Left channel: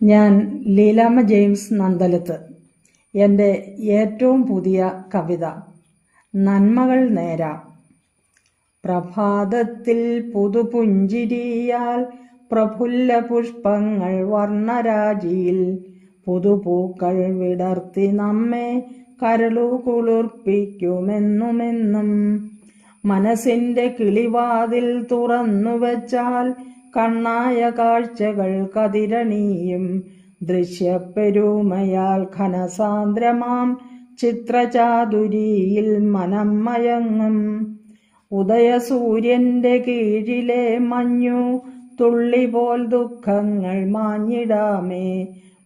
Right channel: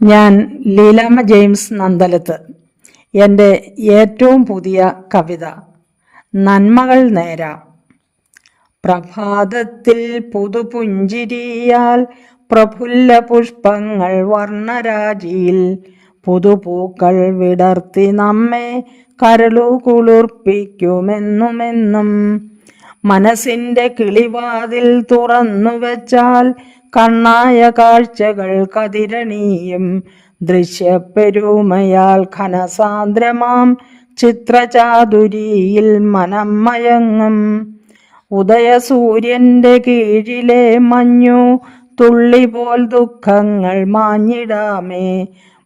ഞാൻ ലീലാമ്മ ജെയിംസ് നന്തലത്ത്. എൻ്റെ ഏറ്റവും പുതിയ കവിത നന്മകൾ നേരാം. പ്രഭാതത്തിൽ പുതുപുഞ്ചിരിയാൽ പ്രഫുല്ല പുഷ്പങ്ങൾ വർണ്ണരാജിയിൽ പുതുപൂക്കൾ വിടർത്തി നമ്മെ കരളു കുളിർപ്പിക്കുമെന്നുമെന്നും. മനസ്സിൻ്റെ കിളിവാതിൽ തുറന്നു വെച്ചാൽ കണ്ണായ കാഴ്ചകൾ കതിരണീയും. ദൃശ്യപ്പെരുമയാൽ ഘനസാന്ദ്രമാം ചിത്രചാതുരിയിൽ മനം മയങ്ങും. ഉദയസൂര്യൻ്റെ കീഴിലെ മഞ്ഞു തുള്ളി പോൽ ദുഃഖങ്ങൾ മാഞ്ഞിടാമേ.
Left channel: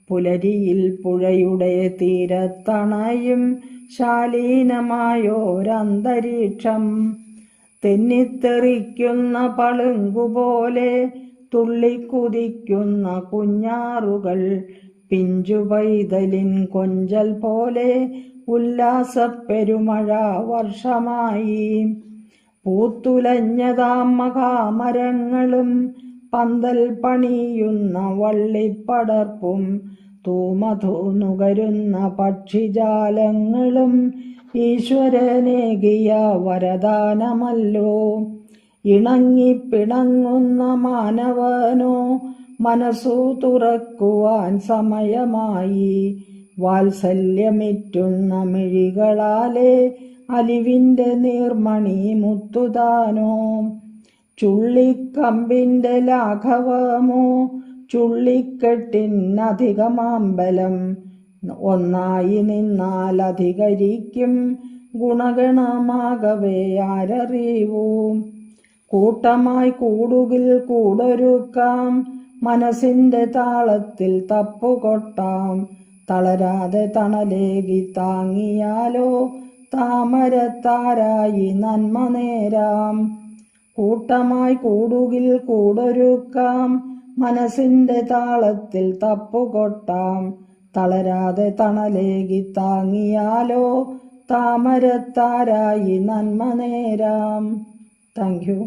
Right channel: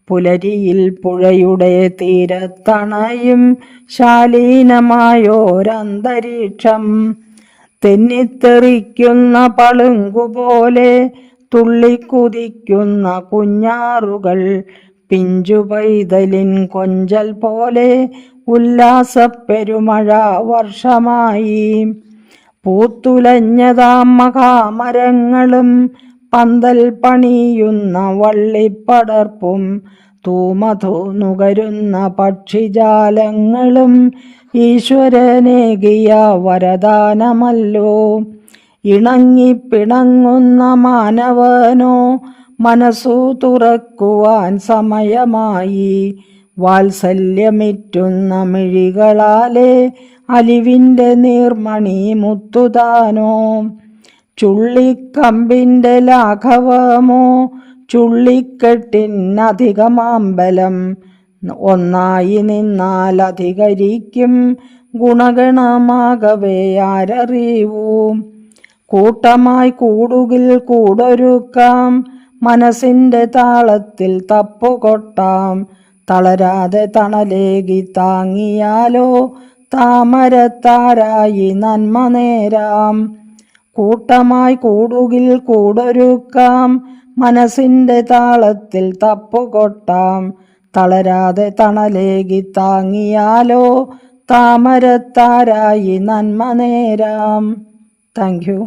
പുലരിയിൽ പുഴയുടെ തീരത്തണയും ശാലീനമായോരന്തരീക്ഷം. തെന്നിത്തെറിക്കുന്ന പളുങ്കുപോലെ തുള്ളിക്കുതിക്കുന്ന കുഞ്ഞാറുകൾ. പിഞ്ചു പൈതലിൻ കൊഞ്ചൽ പോലെ ഉല്ലാസപ്പെരുമഴ വർഷമായി. പൂത്തുലഞ്ഞതാം മഹാമരങ്ങളും പന്തൽ പണിയുന്ന വള്ളിപ്പടർപ്പും തൂമധു നുകരുന്ന പക്ഷിജാലങ്ങളും ഈശ്വരനേകിയ വരദാനമല്ലോ. ഇണങ്ങിപ്പിണങ്ങുന്ന മാനവനോ മനസ്സു തുറക്കുവാൻ സമയമായി. വാത്സല്യമിറ്റുന്ന മിഴികളാലെ അലിവിൻ്റെ നീർമണി മുത്തുതാനോ. ചുള്ളിക്കമ്പിൻ്റെ ലാഘവമോ ചുള്ളിക്കെട്ടിനധികമാമ്പലം. ഒന്നായി നിന്നാൽ അധികരിക്കും ഗുണഗണമാകവേ ആരറിവൂ. കൂട്ടമായി കൂടുകിൽ കൂടൊരുക്കാം, മനസ്സിൻ്റെ താളത്തിൽ തപ്പുകൊട്ടാം. തളരാതെ തണലേകി താങ്ങിയാലോ താമരത്താരായി നന്മ നേരാം. കൂട്ടമായി കൂടുകിൽ കൂടൊരുക്കാം, മനസ്സിൻ്റെ താളത്തിൽ തപ്പുകൊട്ടാം. തളരാതെ തണലേകി താങ്ങിയാലോ താമരത്താരായി നന്മ നേരാം. Thank you.